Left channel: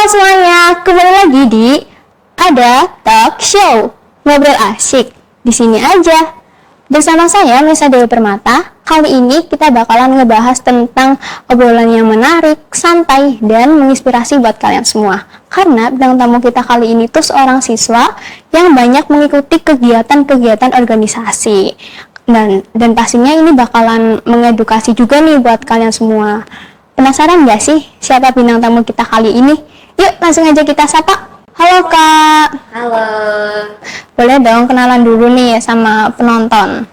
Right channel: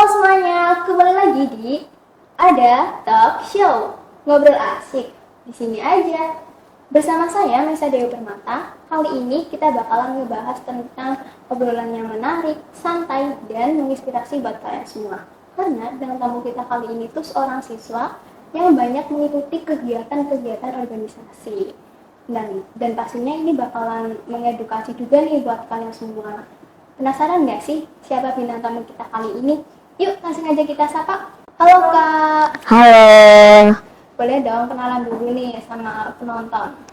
Halo semuanya, kembali lagi di Ada Talk Show, ngobrol asik di sini aja. Bersama saya Melisa Dewi Permata. Kali ini kita bakalan ngebahas tentang obrolan yang menarik, santai, dan menginspirasi buat kalian semua. Karena bintang tamu kita kali ini tuh seorang siswa yang banyak mengikuti kegiatan-kegiatan organisasi. Dan pastinya ini bakalan mengedukasi juga nih buat kalian semua. Penasaran gak sih siapa bintang tamu kita kali ini? Yuk langsung aja kita sapa. Halo Kak. Halo. Boleh dong kenalan dulu nih sama penonton.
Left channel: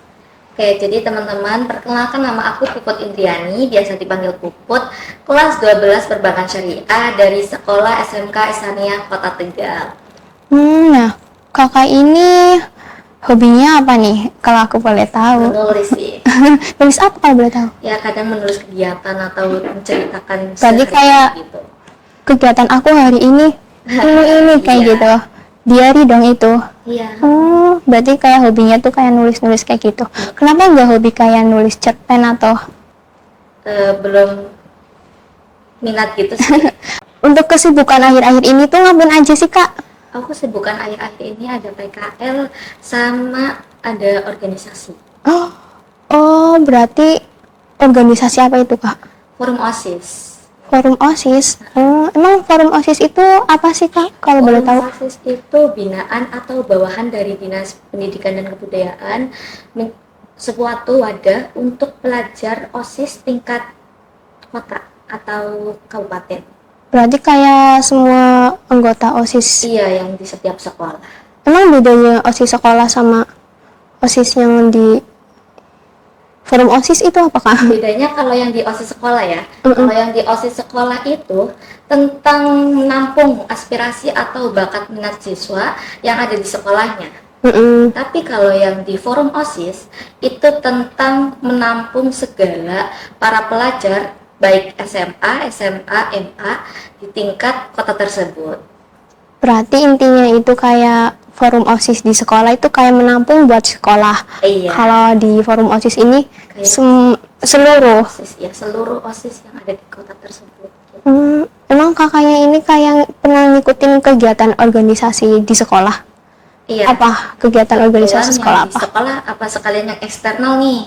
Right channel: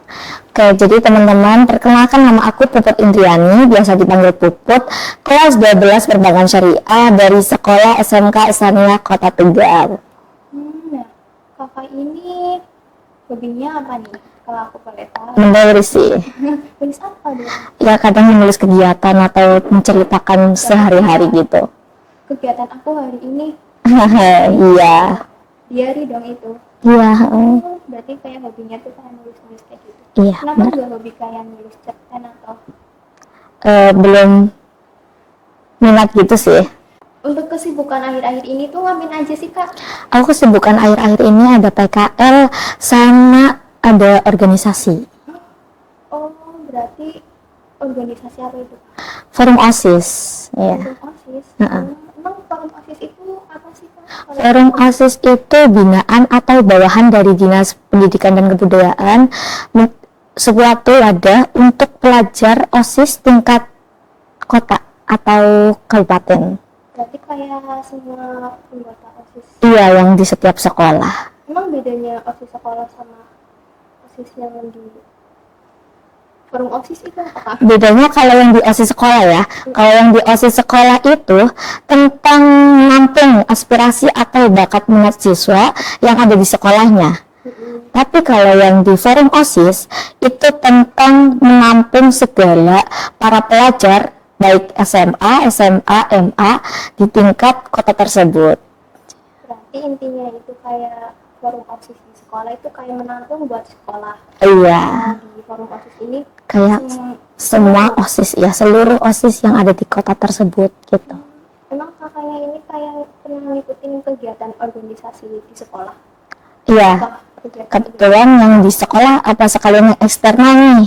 Oke, jadi teman-teman, perkenalkan nama aku Puput Indriani, biasa dipanggil Puput, kelas 12 Perbankan Syariah dari Sekolah SMK Islamiyah Kota Tegal. Nah, kakak ini hobinya apa nih, kalau aku boleh tahu? Menulis sih. Nulis apa kalau boleh tahu? Ya, kadang menulis kegiatan atau menceritakan sehari-hari gitu. Kegiatan aku hari ini, kayak gitu. Diary dong itu. Iya. Berarti kayak hobinya tuh kayak nulis-nulis kayak gitu. Iya. Kenapa nggak hobi kayak nulis cerpen atau? Belum minat gitu sih. Untuk kesibukan akhir-akhir ini tuh ngapain aja sih Kak? Aku kesibukan akhir-akhir ini ada PKL sama ada organisasi. Oh, berarti organisasi apa itu Kak? Forum OSIS. Ya. Forum OSIS. Emang forum OSIS itu apa sih Kak? Kalau boleh Forum tahu? OSIS itu binaan atau bawahan dari Dinas Pendidikan dan Kebudayaan, suatu wadah untuk pelajar OSIS tingkat kota atau kabupaten. Berarti kayak semua anggota OSIS. Iya, yang di setiap sekolah. Emang bedanya OSIS sekolah sama OSIS yang di forum OSIS itu apa Kak? Bedanya kalau yang di OSIS sekolah ya, kalau yang di OSIS sekolah itu tentang menampung aspirasi atau bakat minat siswa yang ada di sekolahnya. Tapi kalau yang di forum OSIS itu tentang menampung segala para pelajar baik SMA, MA di tingkat kota tersebut. Berarti intinya itu kayak forum OSIS di sekolah itu kayak menampung buat sekolah. Iya. Kalau di forum OSIS ini Kayak seluruh. OSIS ya, seluruh OSIS yang ada di kota tersebut gitu. Emang kakaknya ini kayak pernah ngikutin kegiatan organisasi di sekolah? Iya. Apa kegiatan Kebetulan organisasi sekolah yang di apa? sekolah apa sekalian yang eksternal nih.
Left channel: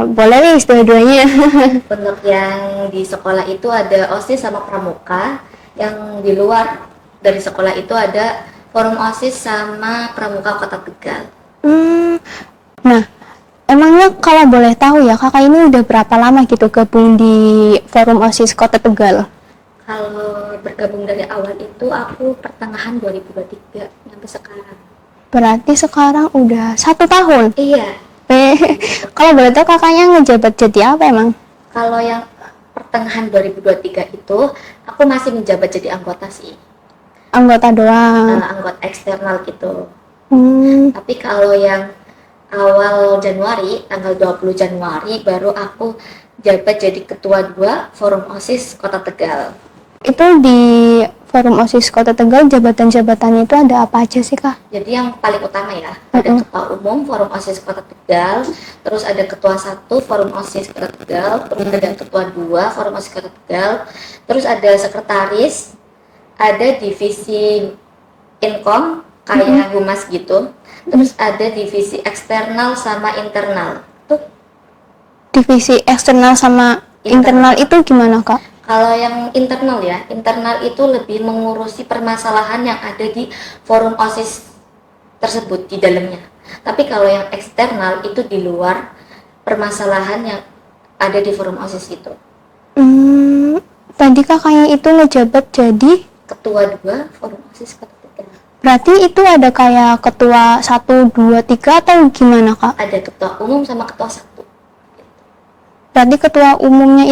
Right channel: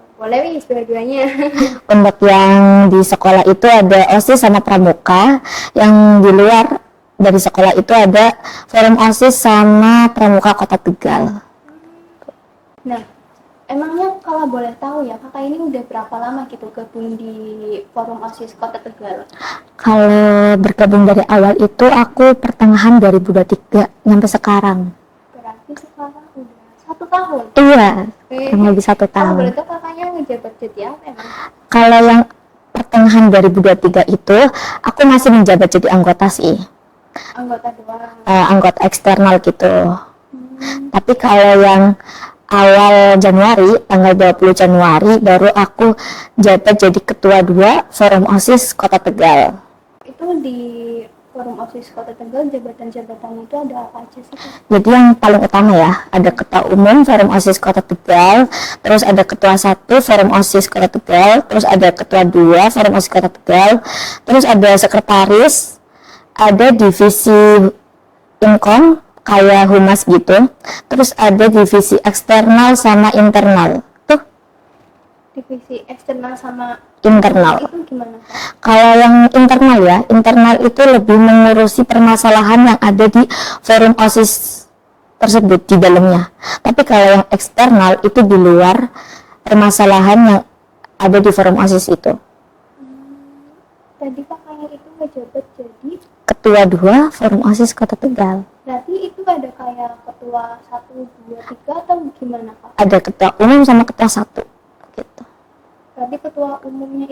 Boleh nih dua-duanya. Untuk yang di sekolah itu ada OSIS sama pramuka, yang di luar dari sekolah itu ada forum OSIS sama pramuka Kota Tegal. Nah, emangnya kalau boleh tahu ya kakak ini udah berapa lama gitu gabung di forum OSIS Kota Tegal? Kalau bergabung dari awal itu aku pertengahan 2023 sampai sekarang. Berarti sekarang udah 1 tahun. Iya, lebih 1 tahun. Kalau boleh tahu kakaknya ngejabat jadi apa emang? Kalau yang pertengahan 2023 itu aku masih menjabat jadi anggota sih. Anggota doang. Anggota eksternal gitu. Tapi kalau yang awal Januari, tanggal 20 Januari baru aku jabat jadi ketua 2 Forum OSIS Kota Tegal. Itu di Forum OSIS Kota Tegal jabatan-jabatannya itu ada apa aja sih Kak? Jadi yang paling utama ya, ada ketua umum Forum OSIS Kota Tegal, terus ada ketua 1 Forum OSIS Kota Tegal, terus ada ketua 2 Forum OSIS Kota Tegal, terus ada sekretaris, ada divisi Inkom kayak humas gitu, terus ada divisi eksternal sama internal. Tuh, Divisi eksternal sama internal itu gimana Kak? kalau yang internal ya, internal itu lebih mengurusi permasalahan yang ada di forum OSIS tersebut di dalamnya. Tapi kalau yang eksternal itu di luar permasalahan yang ada di forum OSIS itu. Tadi kakaknya itu ngejabat jadi Ketua 2 Forum OSIS Kota Tegal. berarti itu ada kayak ketua 1, 2, 3 atau gimana Kak? Ada ketua umum sama ketua 1 gitu. Berarti ketua umumnya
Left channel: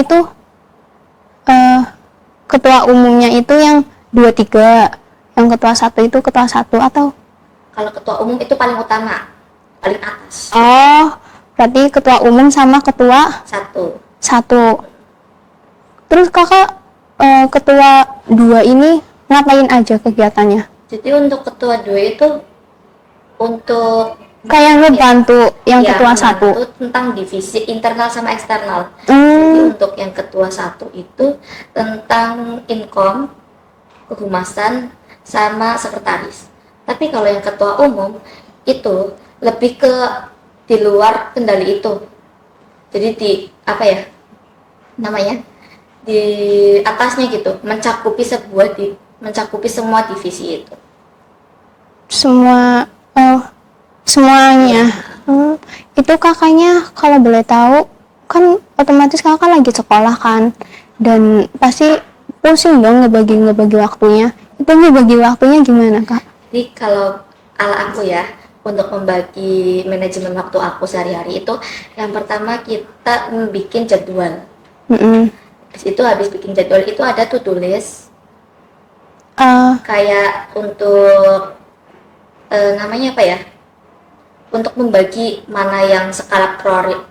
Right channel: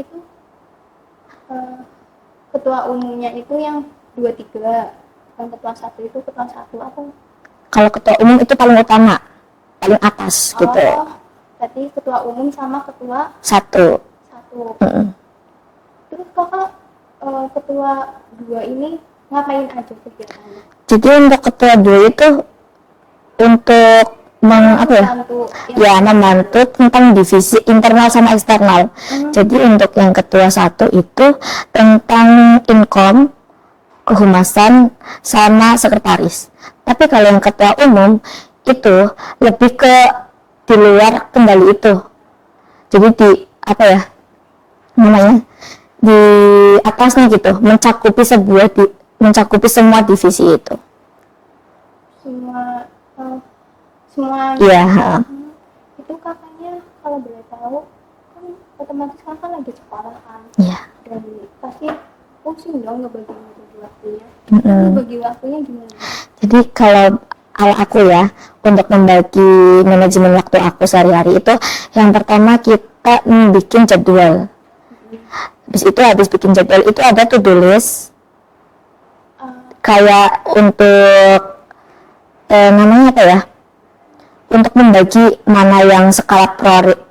itu yang 2, 3, yang ketua 1 itu ketua 1 atau? Kalau ketua umum itu paling utama, paling atas gitu. Oh, berarti ketua umum sama ketua 1. Terus kakak ketua 2 ini ngapain aja kegiatannya? Jadi untuk ketua 2 itu untuk Kayak ngebantu yang ya, ketua 1. membantu tentang divisi internal sama eksternal. Jadi untuk yang ketua 1 itu tentang Inkom, kehumasan sama sekretaris. Tapi kalau yang ketua umum itu lebih ke di luar kendali itu. Jadi di apa ya namanya, di atasnya gitu, mencakupi semua divisi itu. Semuanya. Iya. Itu kakaknya kalau boleh tahu kan otomatis kakak lagi sekolah kan. Iya. Dan pasti pusing dong ngebagi waktunya. Itu ngebagi waktunya gimana kak? Jadi kalau ala aku ya, untuk membagi manajemen waktu aku sehari-hari itu, yang pertama kita bikin jadwal. Habis bikin jadwal itu ada to-do list. Kayak untuk namanya apa ya? Untuk membagi mana yang skala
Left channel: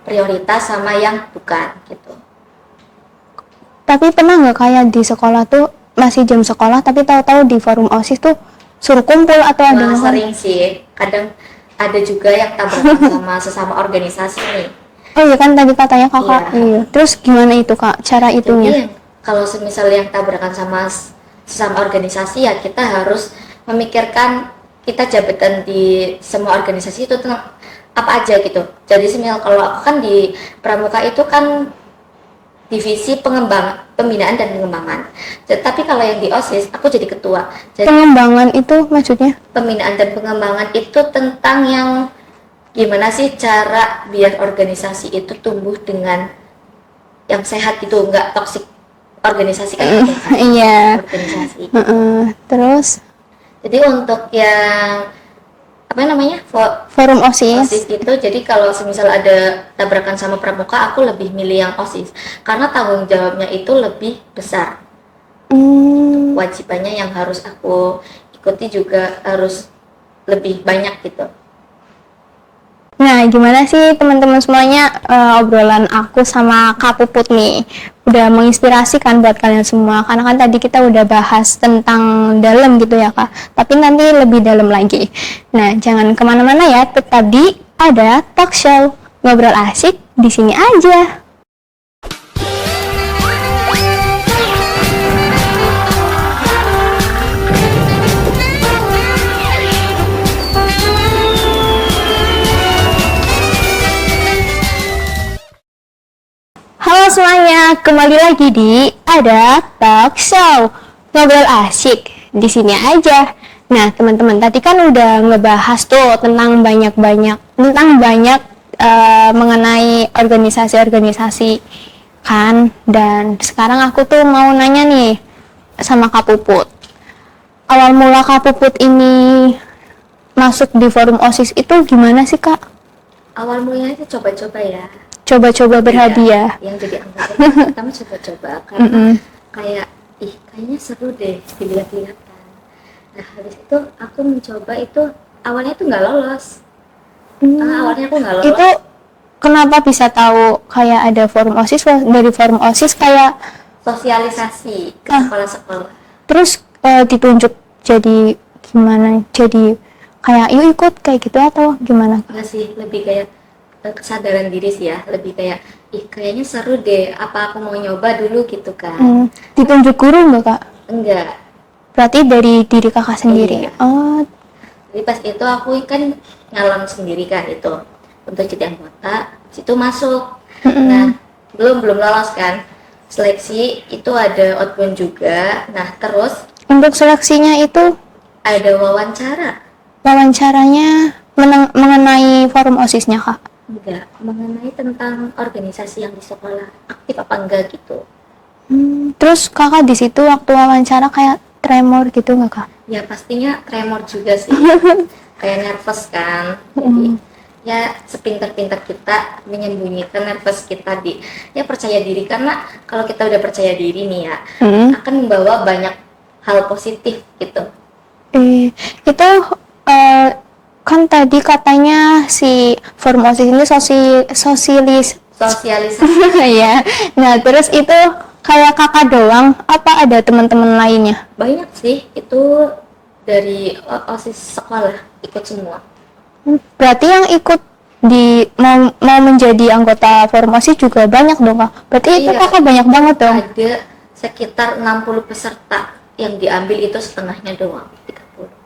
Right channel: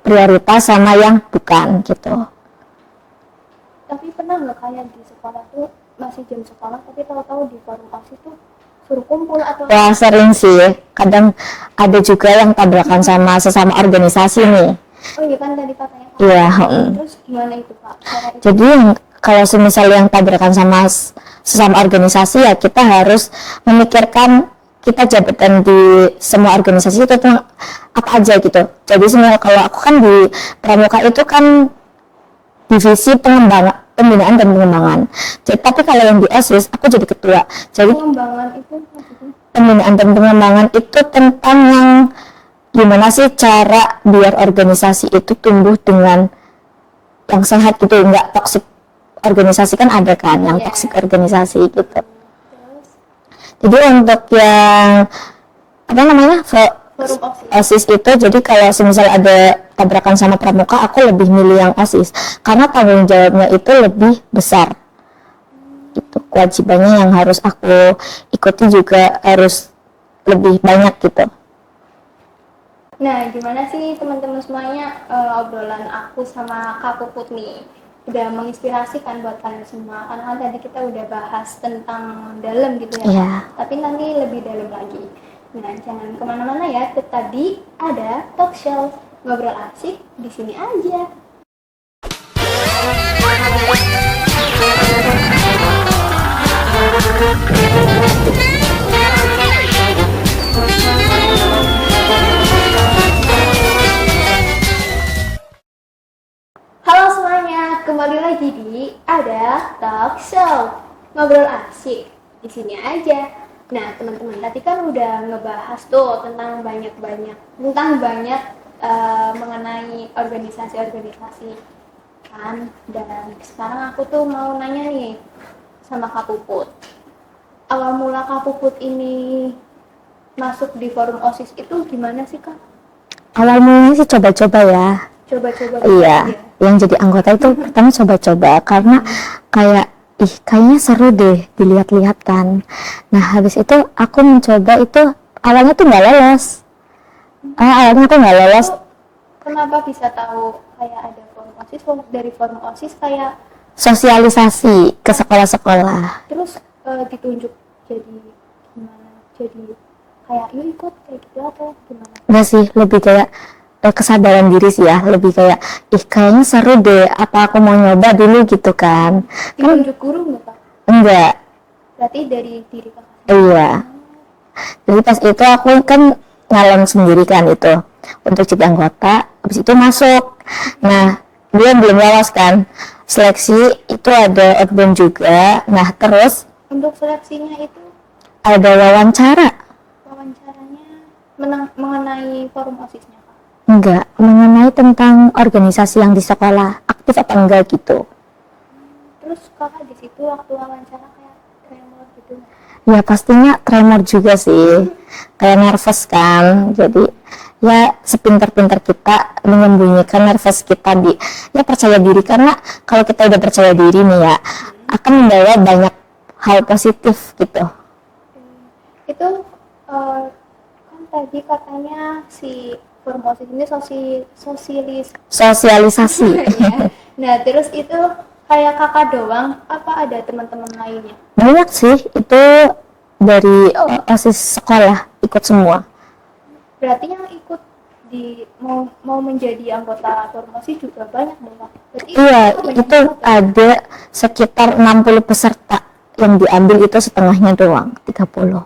prioritas sama yang bukan gitu. Tapi pernah nggak kayak di sekolah tuh masih jam sekolah tapi tahu-tahu di forum OSIS tuh suruh kumpul atau Wah, sering sih. Kadang ada juga yang tabrakan sama sesama organisasi nih. Oh iya kan tadi katanya kakak. Iya. Terus gimana itu kak cara itu? Jadi kalau semisal yang tabrakan sama sesama organisasi ya kita harus memikirkan kita jabatan di semua organisasi itu apa aja gitu. Jadi sebenarnya kalau aku kan di Pramuka itu kan divisi pembinaan dan pengembangan. Tapi kalau yang di OSIS aku jadi ketua. Jadi pengembangan itu maksudnya? Pembinaan dan pengembangan itu tentang yang gimana sih cara biar organisasi itu tumbuh dengan yang sehat gitu, nggak toksik. Organisasi kan ada kan yang toksik organisasi gitu. Terus jadi untuk yang apa namanya forum OSIS itu, jadi kalau semisal ada tabrakan sama Pramuka, aku lebih milih yang OSIS karena tanggung jawabnya itu lebih besar. Itu kewajibannya yang harus aku ikuti juga harus lebih banyak gitu. Nah, gimana sih teman-teman semuanya obrolan aku sama Kak Puput nih? Udah menginspirasi kan buat kalian semua? Karena kan tadi kita udah bahas tentang dalam gitu ya Kak. Tapi nanti lebih dalam lagi. Nah, jangan kemana-mana ya. Tetap di Ada Talk Show. Ngobrol asik di sini aja. Halo semuanya, kembali lagi di Ada Talk Show. Ngobrol asik di sini aja. Nah, teman-teman tadi kan udah ngebahas tuh tentang banyak mengenai organisasi-organisasi kan. Dan sekarang aku tuh mau nanya nih sama Kak Puput. Awal mula Kak Puput ini masuk di forum OSIS itu gimana sih Kak? Awal mulanya sih coba-coba ya. Coba-coba berhadiah. Yang jadi anggota itu pertama coba-coba karena kayaknya seru deh dilihat-lihat kan. Nah habis itu aku mencoba itu awalnya tuh nggak lolos. Awalnya aku nggak lolos. Itu kenapa bisa tahu kayak ada forum OSIS? Dari forum OSIS kayak sosialisasi ke sekolah-sekolah. Terus ditunjuk jadi gimana? Jadi kayak yuk ikut kayak gitu atau gimana? Enggak sih, lebih kayak kesadaran diri sih ya, lebih kayak kayaknya seru deh, apa aku mau nyoba dulu gitu kan. Ditunjuk guru enggak Kak? Enggak, Berarti dari diri kakak sendiri? Iya. Oh, jadi pas itu aku kan nyalon sendiri kan itu untuk jadi anggota, habis itu masuk. Nah dia belum lolos kan seleksi, itu ada outbound juga. Nah terus untuk seleksinya itu ada wawancaranya mengenai forum OSIS-nya Kak? Enggak, mengenai tentang organisasi yang di sekolah aktif apa enggak gitu. Terus kakak di situ waktu wawancara kayak tremor gitu nggak Kak? Ya pastinya tremor juga sih, kayak nervous kan. Jadi ya sepintar-pintar kita menyembunyikan nervous kita percaya diri, karena kalau kita udah percaya diri nih ya akan membawa banyak hal positif gitu. Itu kan tadi katanya si forum OSIS ini sosialisasi ya. Nah terus itu kayak kakak doang apa ada teman-teman lainnya? Banyak sih, itu dari OSIS sekolah ikut semua. Berarti yang ikut mau menjadi anggota forum OSIS juga banyak dong Kak? Berarti itu kakak banyak banget dong? Ada sekitar 60 peserta yang diambil itu setengahnya doang, 30.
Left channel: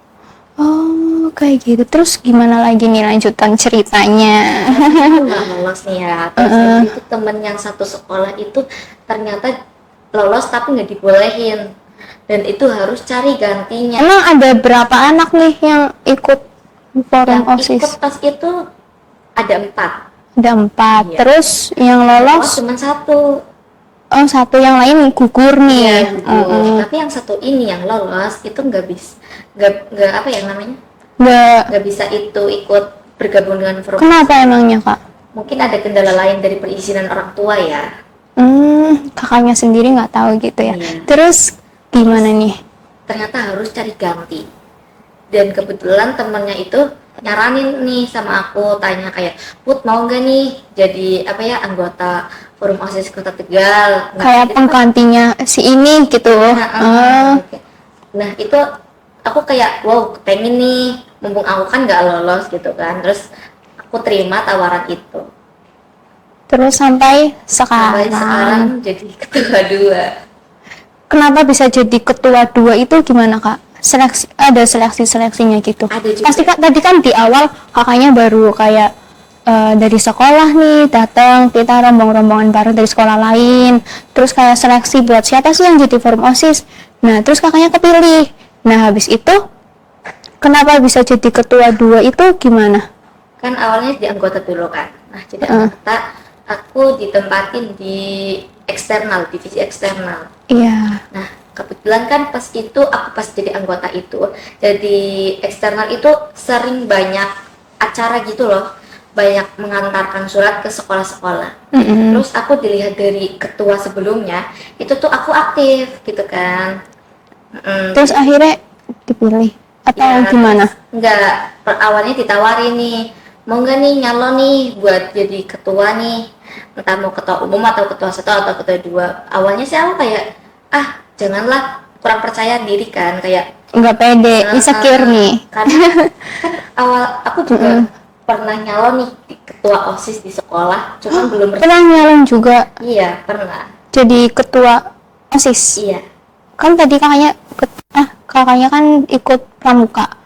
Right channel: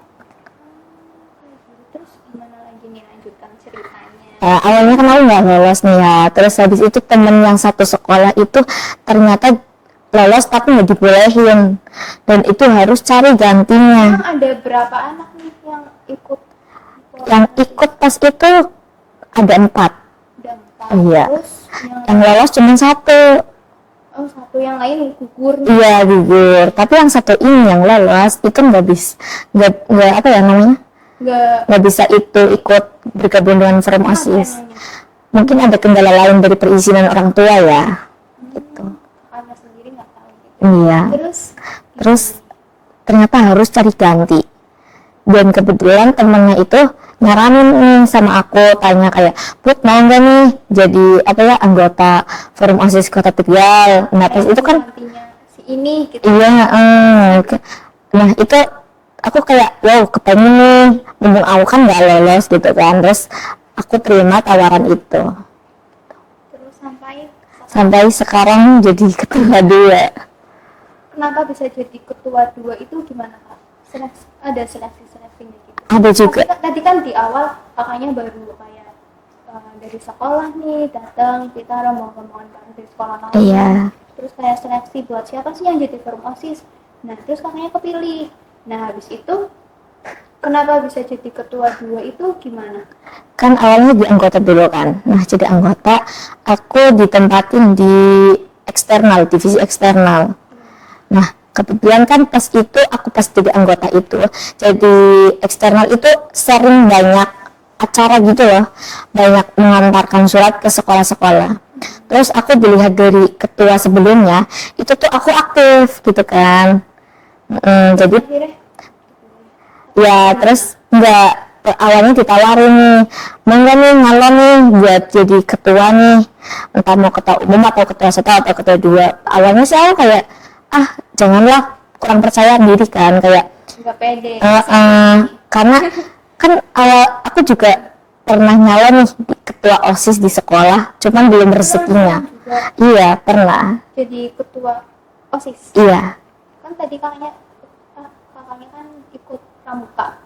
Oh, kayak gitu. Terus gimana lagi nih lanjutan ceritanya? Nah, awalnya kan aku nggak lolos nih ya. Terus habis itu temen yang satu sekolah itu ternyata lolos tapi nggak dibolehin. Dan itu harus cari gantinya. Emang ada berapa anak nih yang ikut forum Yang OSIS? ikut pas itu ada 4. Ada 4. Iya. Terus yang Yang lolos lolos, cuma 1. oh 1, yang lain gugur nih. Iya, gugur. Tapi yang satu ini yang lolos itu nggak bisa, nggak apa ya namanya? Nggak bisa itu ikut bergabung dengan forum Kenapa OSIS. emangnya, Kak? Mungkin ada kendala lain dari perizinan orang tua ya. Kakaknya sendiri nggak tahu gitu ya. Iya. Terus gimana nih? Ternyata harus cari ganti. Dan kebetulan temennya itu nyaranin nih sama aku, tanya kayak, Put mau nggak nih jadi apa ya anggota forum OSIS Kota Tegal? Nah Kayak itu kan penggantinya si ini gitu. iya, nah itu aku kayak wow kepengen nih, mumpung aku kan nggak lolos gitu kan, terus aku terima tawaran itu. Terus sampai Sekarang jadi ketua 2. Kenapa bisa jadi ketua 2 itu gimana, Kak? Ada seleksinya gitu. Ada juga. Pasti tadi kan di awal kakaknya baru kayak dari sekolah nih datang, kita rombongan bareng dari sekolah lain. Terus kayak seleksi buat siapa sih yang jadi forum OSIS. Nah, terus kakaknya kepilih. Nah, habis itu kenapa bisa jadi ketua 2 itu gimana? Kan awalnya di anggota dulu kan. Nah, jadi anggota aku ditempatin di eksternal, divisi eksternal. Iya. Nah, kebetulan kan pas itu aku pas jadi anggota itu, jadi eksternal itu sering banyak acara gitu loh, banyak mengantarkan surat ke sekolah-sekolah. Terus aku dilihat dari ketua sebelumnya, itu tuh aku aktif gitu kan. Terus Jadi, akhirnya dipilih atau ya gimana? terus enggak, awalnya ditawarin nih, mau nggak nih nyalon nih buat jadi ketua nih, entah mau ketua umum atau ketua 1 atau ketua 2. Awalnya sih aku kayak janganlah, kurang percaya diri kan, kayak Nggak pede, insecure nih. karena kan aku juga pernah nyalon nih di ketua OSIS di sekolah, cuman belum Pernah rezekinya. nyalon juga Iya pernah. jadi ketua OSIS. Iya. Kan tadi kakaknya kan ikut pramuka.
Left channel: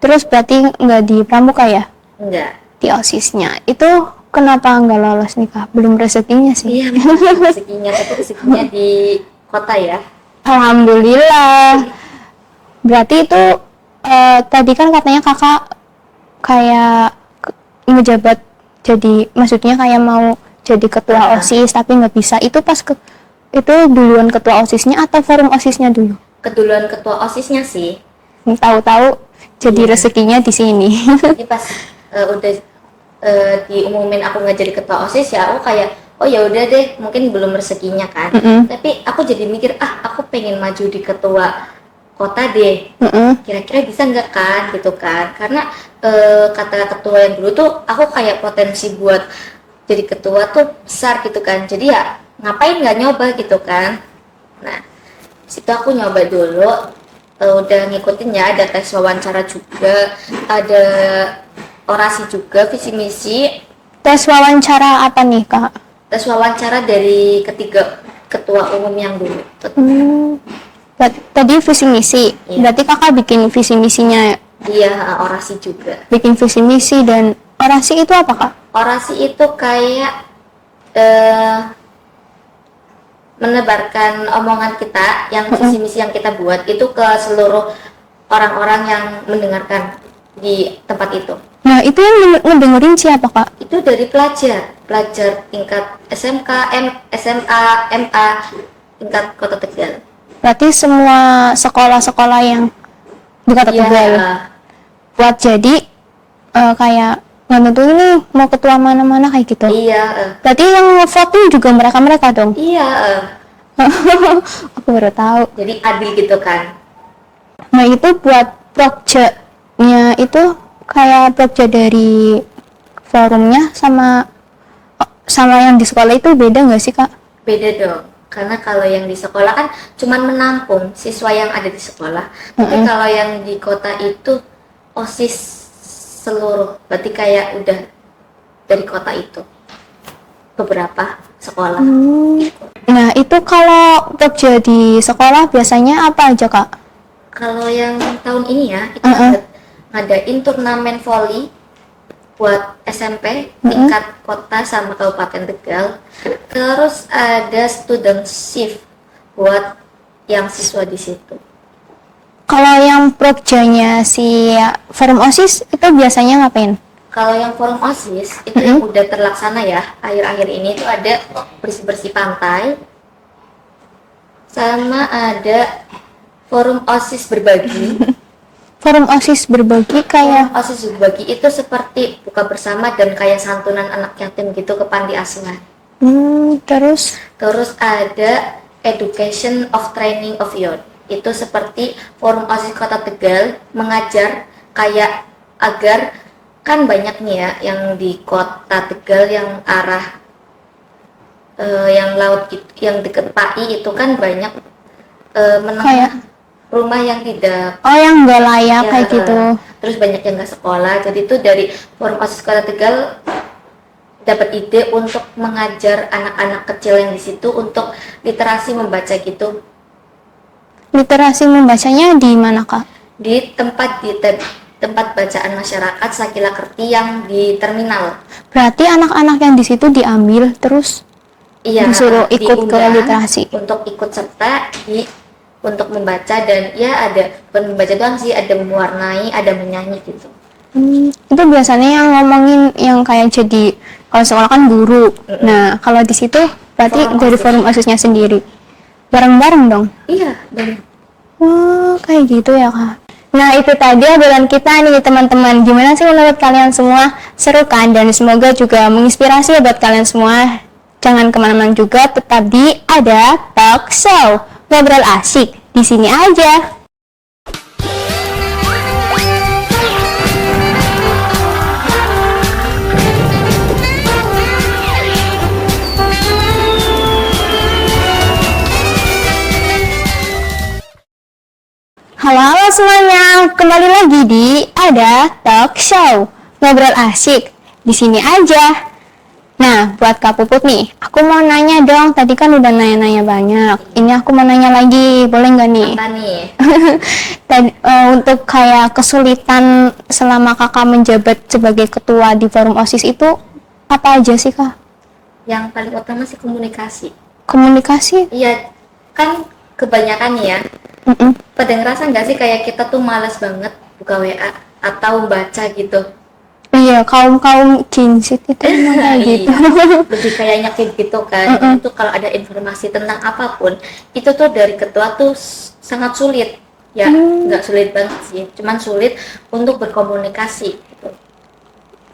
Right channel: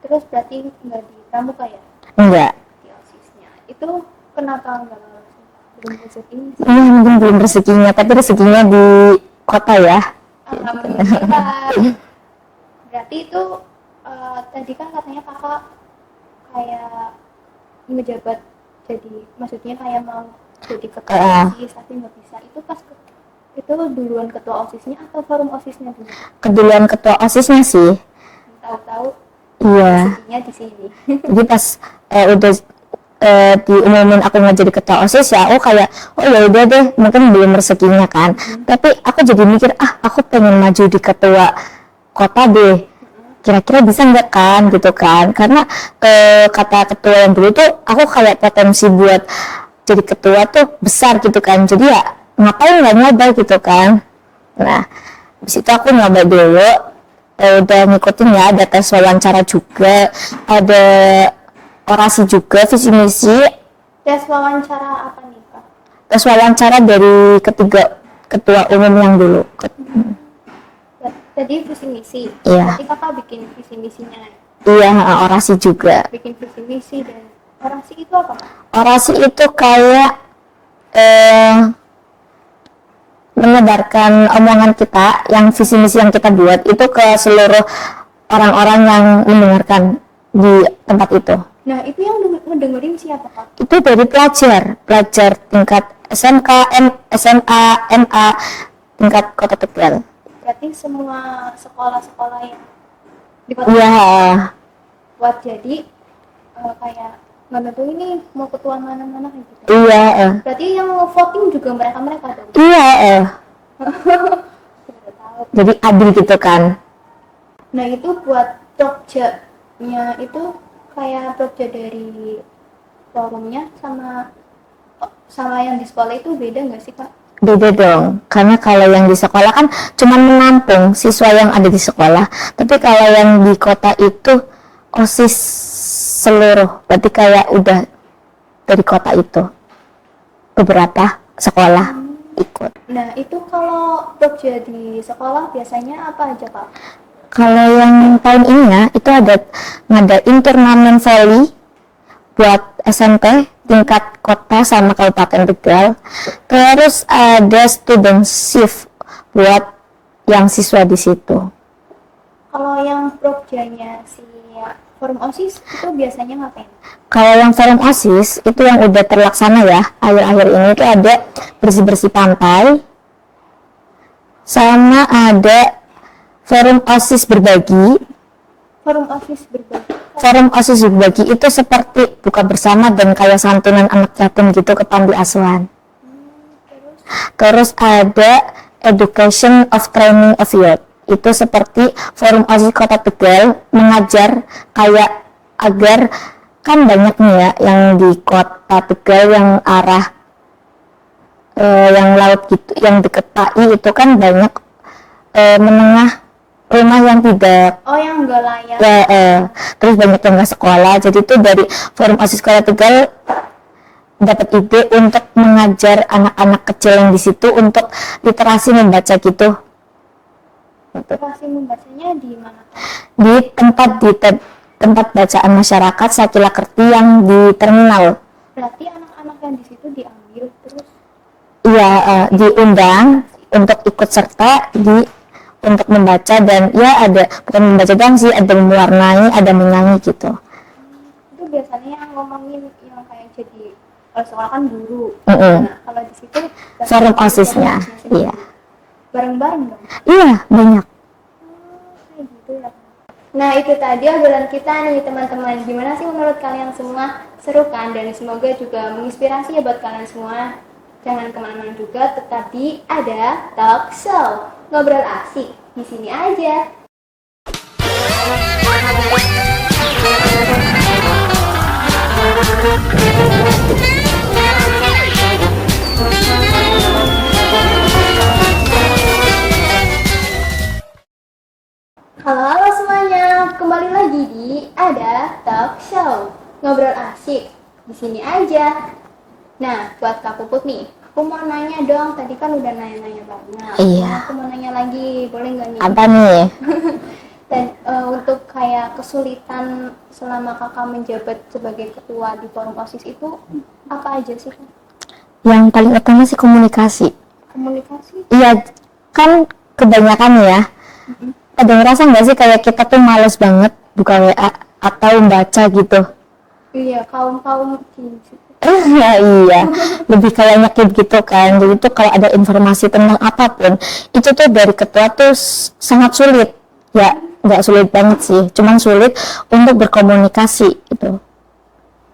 Terus berarti nggak di pramuka ya? Enggak. Di OSISnya. Itu kenapa nggak lolos nih, Kak? Belum rezekinya sih. Iya memang belum rezekinya, tapi rezekinya di kota ya. Alhamdulillah. Berarti itu tadi kan katanya kakak kayak ngejabat jadi, maksudnya kayak mau jadi ketua OSIS tapi nggak bisa. Itu pas itu duluan ketua OSISnya atau forum OSISnya dulu? Keduluan ketua OSISnya sih. Tahu-tahu jadi Iya. rezekinya di sini. Jadi pas udah diumumin aku nggak jadi ketua OSIS ya, aku kayak oh ya udah deh, mungkin belum rezekinya kan. Tapi aku jadi mikir aku pengen maju di ketua kota deh, kira-kira bisa nggak kan gitu kan, karena kata ketua yang dulu tuh aku kayak potensi buat jadi ketua tuh besar gitu kan, jadi ya ngapain nggak nyoba gitu kan. Nah di situ aku nyoba dulu, udah ngikutin ya, ada tes wawancara juga, ada orasi juga, visi misi. Tes wawancara apa nih, Kak? Tes wawancara dari ketiga ketua umum yang dulu. Tadi visi misi. Iya. Berarti kakak bikin visi misinya, Iya, orasi juga. bikin visi misi. Dan orasi itu apa, Kak? Orasi itu kayak menebarkan omongan kita, yang visi misi yang kita buat itu ke seluruh orang-orang yang mendengarkan di tempat itu. Nah, itu yang ngedengerin siapa, Kak? Itu dari pelajar tingkat SMK, SMA, MA, tingkat Kota Tegal. Berarti semua sekolah-sekolah yang di Kota Iya. Tegal buat jadi kayak nggak nentuin nih mau ketua mana-mana kayak gitu. Iya. Berarti yang voting juga mereka dong. Iya. Aku baru tahu. Jadi adil gitu kan. Nah, itu buat projectnya itu kayak project dari forumnya sama yang di sekolah itu beda nggak sih, Kak? Beda dong, karena kalau yang di sekolah kan cuman menampung siswa yang ada di sekolah. Tapi kalau yang di kota itu OSIS seluruh, berarti kayak udah dari kota itu beberapa sekolah ikut. ikut. Nah, itu kalau kerja di sekolah biasanya apa aja, Kak? Kalau yang tahun ini ya, itu ada ngadain turnamen volley buat SMP tingkat kota sama Kabupaten Tegal. Terus ada student shift buat yang siswa di situ. Kalau yang prokjanya si forum OSIS itu biasanya ngapain? Kalau yang forum OSIS itu yang udah terlaksana ya akhir-akhir ini itu ada bersih-bersih pantai, sama ada forum OSIS berbagi. Forum OSIS berbagi Forum kayak OSIS berbagi itu seperti buka bersama dan kayak santunan anak yatim gitu ke panti asuhan. terus Terus ada Education of Training of Youth. Itu seperti forum OSIS Kota Tegal mengajar kayak agar kan banyak nih ya yang di Kota Tegal yang arah yang laut gitu, yang deket PAI itu kan banyak menengah rumah yang tidak yang nggak layak kayak gitu. terus banyak yang nggak sekolah. Jadi itu dari forum OSIS Kota Tegal dapat ide untuk mengajar anak-anak kecil yang di situ untuk literasi membaca gitu. Literasi membacanya di mana, Kak? Di tempat bacaan masyarakat Sakila Kerti yang di terminal. Berarti anak-anak yang di situ diambil terus Iya, ikut ke diundang literasi. untuk ikut serta untuk membaca, dan ya ada bukan membaca doang sih, ada mewarnai, ada menyanyi gitu. Itu biasanya yang ngomongin yang kayak jadi kalau sekolah kan guru. Nah, kalau di situ berarti Forum dari OSIS, forum ya. OSISnya sendiri. Bareng-bareng dong. Iya, banyak. Kayak gitu ya, Kak. Nah, itu tadi obrolan kita nih teman-teman. Gimana sih menurut kalian semua? Seru kan? Dan semoga juga menginspirasi ya buat kalian semua. Jangan kemana-mana juga, tetap di Ada Talk Show. Ngobrol asik di sini aja. Halo semuanya, kembali lagi di Ada Talk Show. Ngobrol asik di sini aja. Nah, buat Kak Puput nih, aku mau nanya dong. Tadi kan udah nanya-nanya banyak. Iya. Ini aku mau nanya lagi, boleh nggak nih? Apa nih? Untuk kayak kesulitan selama kakak menjabat sebagai ketua di forum OSIS itu apa aja sih, Kak? Yang paling utama sih komunikasi. Komunikasi? Iya, kan kebanyakan ya. Pada ngerasa nggak sih kayak kita tuh males banget buka WA atau baca gitu? Iya, kaum kinsit itu. Nah, iya, lebih kayak nyakit gitu kan. Jadi tuh kalau ada informasi tentang apapun, itu tuh dari ketua tuh sangat sulit. Ya, nggak sulit banget sih, cuman sulit untuk berkomunikasi gitu.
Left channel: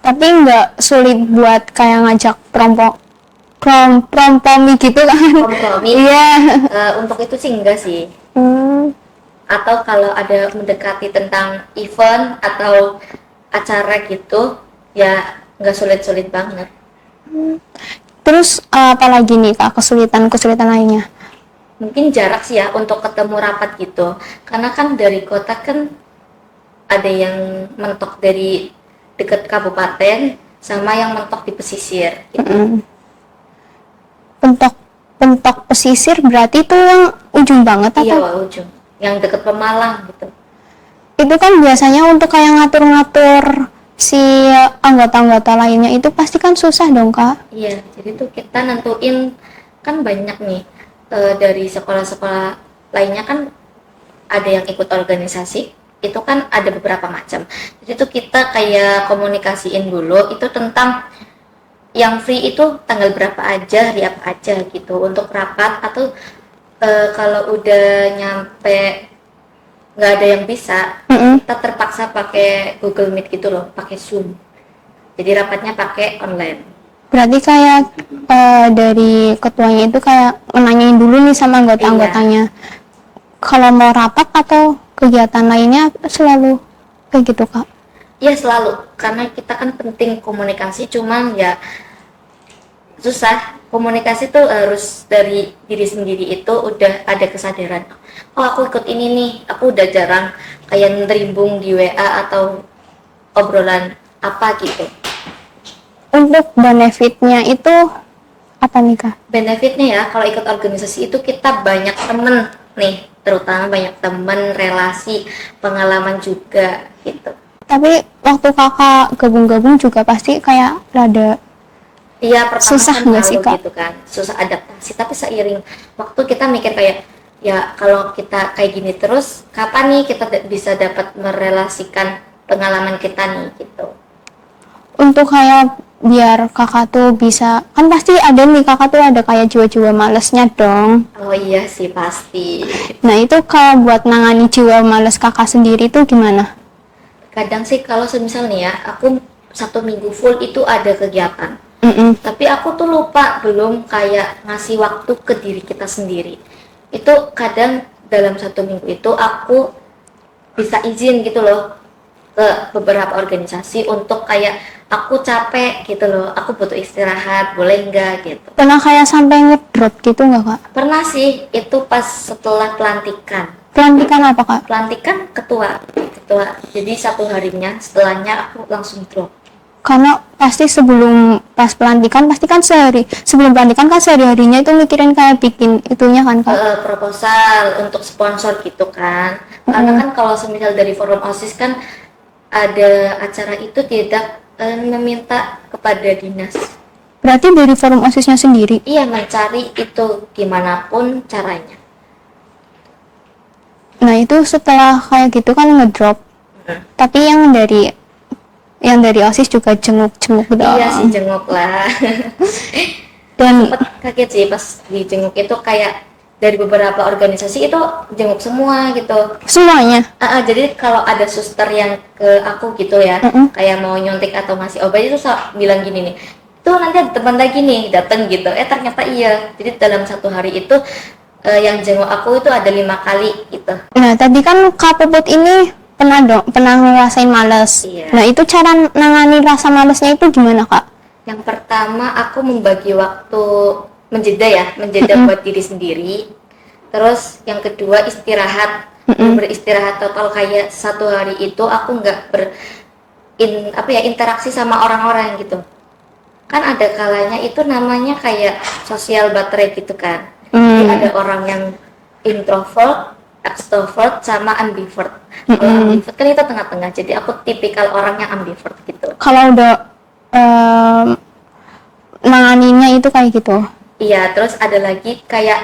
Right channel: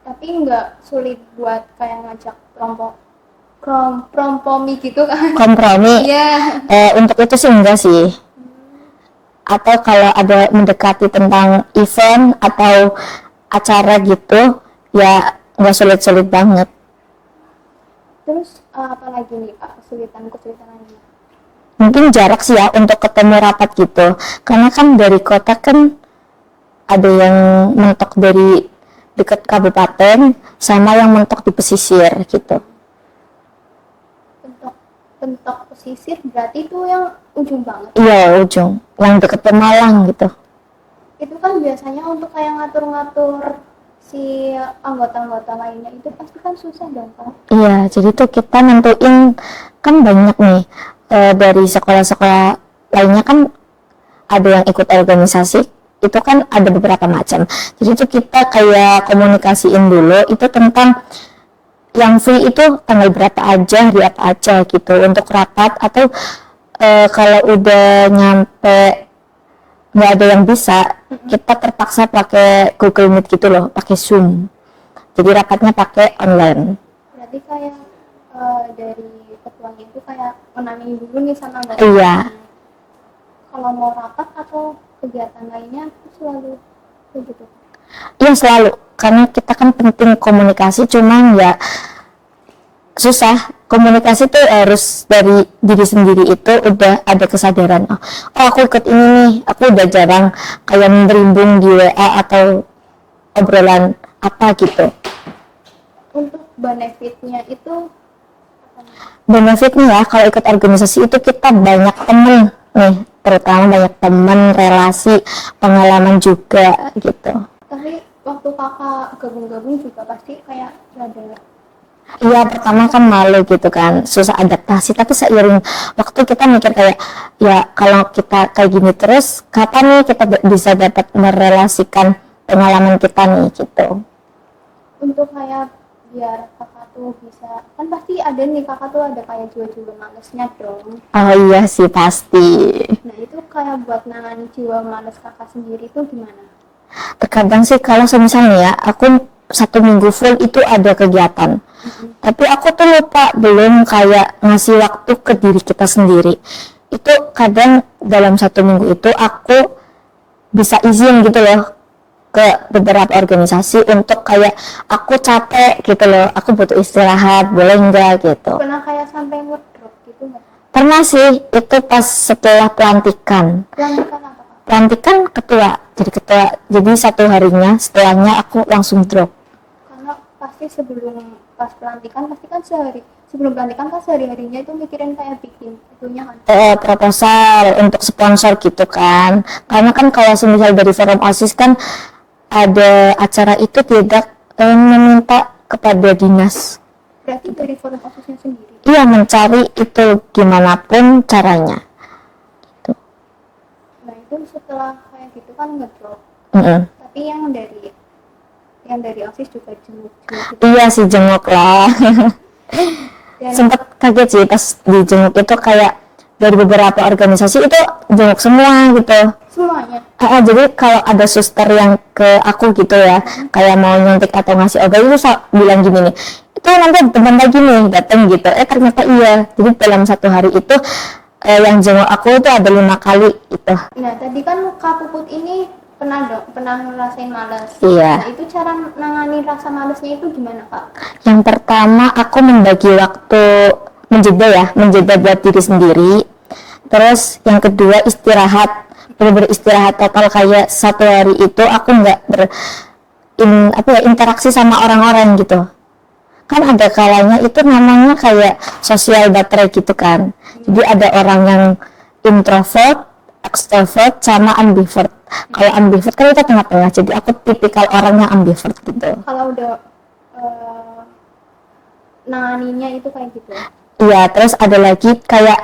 Tapi nggak sulit buat kayak ngajak kompromi gitu kan? Kompromi. Iya. Untuk itu sih enggak sih. Atau kalau ada mendekati tentang event atau acara gitu, ya nggak sulit-sulit banget. Terus apalagi nih, Kak, kesulitan lainnya? Mungkin jarak sih ya untuk ketemu rapat gitu, karena kan dari kota kan ada yang mentok dari dekat kabupaten sama yang mentok di pesisir gitu. Pentok pesisir berarti itu yang ujung banget? Iya, ujung yang deket Pemalang gitu. Itu kan biasanya untuk kayak ngatur-ngatur si anggota-anggota lainnya itu pasti kan susah dong, Kak? Iya, jadi tuh kita nentuin kan banyak nih dari sekolah-sekolah lainnya kan ada yang ikut organisasi, itu kan ada beberapa macam. Jadi tuh kita kayak komunikasiin dulu itu tentang yang free itu tanggal berapa aja, hari apa aja gitu untuk rapat, atau kalau udah nyampe nggak ada yang bisa, kita terpaksa pakai Google Meet gitu loh, pakai Zoom. Jadi rapatnya pakai online. Berarti kayak dari ketuanya itu kayak menanyain dulu nih sama anggota-anggotanya. Kalau mau rapat atau kegiatan lainnya selalu kayak gitu, Kak? Iya, selalu, karena kita kan penting komunikasi, cuman ya susah. Komunikasi tuh harus dari diri sendiri, itu udah ada kesadaran, oh aku ikut ini nih, aku udah jarang kayak merimbung di WA atau obrolan apa gitu. Untuk benefitnya itu Apa nih Kak? Benefitnya ya, kalau ikut organisasi itu kita banyak temen nih, terutama banyak temen, relasi, pengalaman juga gitu. Tapi waktu Kakak gabung-gabung juga pasti kayak rada Iya, pertama susah kan nggak sih, malu Kak? gitu kan, susah adaptasi. Tapi seiring waktu kita mikir kayak, ya kalau kita kayak gini terus, kapan nih kita bisa dapat merelasikan pengalaman kita nih gitu. Untuk kayak biar Kakak tuh bisa, kan pasti ada nih Kakak tuh ada kayak jiwa-jiwa malesnya dong. Oh iya sih pasti. Nah itu kalau buat nangani jiwa males Kakak sendiri tuh gimana? Terkadang sih kalau misalnya ya, aku 1 minggu full itu ada kegiatan. Tapi aku tuh lupa belum kayak ngasih waktu ke diri kita sendiri. Itu kadang dalam 1 minggu itu aku bisa izin gitu loh ke beberapa organisasi untuk kayak aku capek gitu loh, aku butuh istirahat, boleh enggak gitu. Pernah kayak sampai ngedrop gitu nggak Kak? Pernah sih, itu pas setelah pelantikan. Pelantikan apa Kak? Pelantikan ketua, jadi ketua. Jadi 1 harinya setelahnya aku langsung drop. Karena pasti sebelum pas pelantikan pasti kan sebelum pelantikan kan sehari-harinya itu mikirin kayak bikin itunya kan Kak? Proposal untuk sponsor gitu kan. Karena kan kalau semisal dari forum OSIS kan ada acara itu tidak meminta kepada dinas. Berarti dari forum OSISnya sendiri? Iya, mencari itu gimana pun caranya. Nah itu setelah kayak gitu kan ngedrop. Tapi yang dari OSIS juga jenguk-jenguk gitu. Iya sih, jenguk lah. Dan sempat kaget sih pas di jenguk itu kayak dari beberapa organisasi itu jenguk semua gitu. Semuanya? Jadi kalau ada suster yang ke aku gitu ya, kayak mau nyuntik atau ngasih obat itu bilang gini nih, itu nanti teman lagi nih datang gitu. Ternyata iya. Jadi dalam 1 hari itu yang jenguk aku tuh ada 5 kali gitu. Nah tadi kan Kak Puput ini pernah ngerasain males. Iya. Nah itu cara nangani rasa malesnya itu gimana Kak? Yang pertama aku membagi waktu menjeda buat diri sendiri. Terus yang kedua istirahat, beristirahat total kayak 1 hari itu aku nggak interaksi sama orang-orang gitu. Kan ada kalanya itu namanya kayak sosial baterai gitu kan. Jadi ada orang yang introvert, extrovert, sama ambivert. Kalau ambivert kan itu tengah-tengah. Jadi aku tipikal orang yang ambivert gitu. Kalau udah nanganinya itu kayak gitu? Iya, terus ada lagi kayak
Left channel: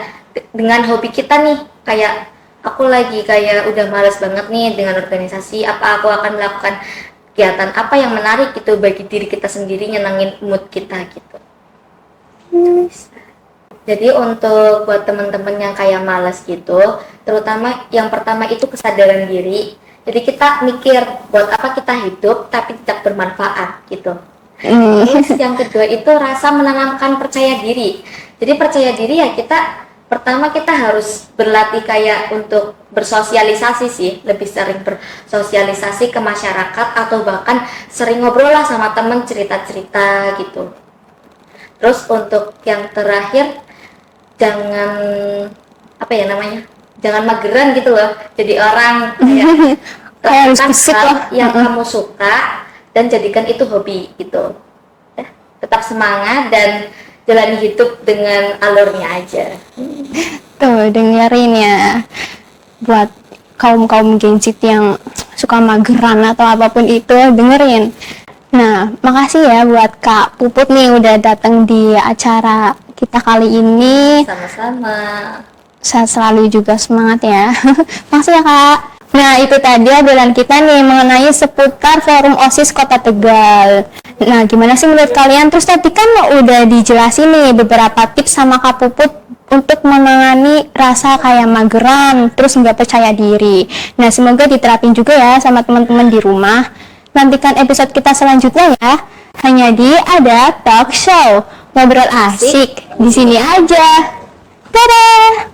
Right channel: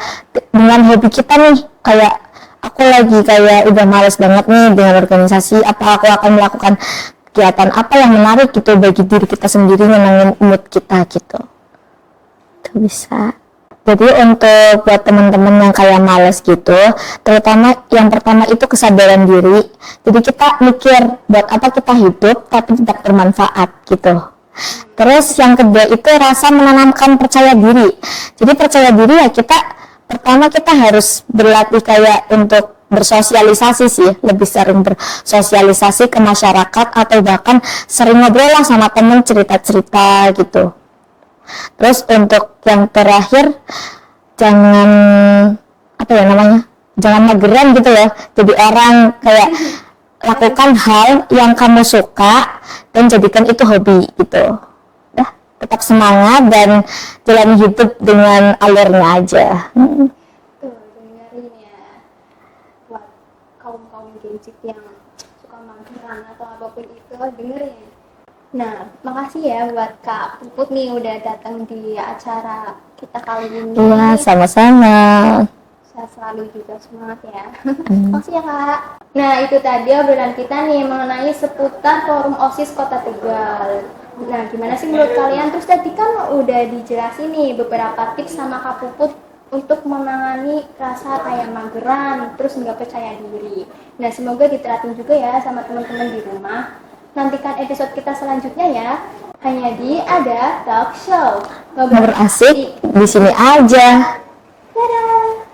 dengan hobi kita nih, kayak aku lagi kayak udah males banget nih dengan organisasi, apa aku akan melakukan kegiatan apa yang menarik gitu bagi diri kita sendiri, nyenengin mood kita gitu. Itu bisa. Jadi untuk buat teman-teman yang kayak males gitu, terutama yang pertama itu kesadaran diri. Jadi kita mikir buat apa kita hidup tapi tidak bermanfaat gitu. Terus yang kedua itu rasa menanamkan percaya diri. Jadi percaya diri ya pertama kita harus berlatih kayak untuk bersosialisasi sih, lebih sering bersosialisasi ke masyarakat atau bahkan sering ngobrol lah sama temen, cerita-cerita gitu. Terus untuk yang terakhir jangan jangan mageran gitu loh. Jadi orang kayak lakukan hal yang kamu suka dan jadikan itu hobi gitu. Tetap semangat dan jalani hidup dengan alurnya aja. Tuh dengerin ya, buat kaum Gen Z yang suka mageran atau apapun itu, dengerin. Nah, makasih ya buat Kak Puput nih udah datang di acara kita kali ini. Sama-sama. Sehat selalu juga, semangat ya. Makasih ya Kak. Nah itu tadi obrolan kita nih mengenai seputar forum OSIS Kota Tegal. Nah gimana sih menurut kalian? Terus tadi kan udah dijelasin nih beberapa tips sama Kak Puput untuk menangani rasa kayak mageran, terus nggak percaya diri. Nah semoga diterapin juga ya sama teman-teman di rumah. Nantikan episode kita selanjutnya ya. Hanya di Ada Talk Show. Ngobrol asik di sini aja. Dadah!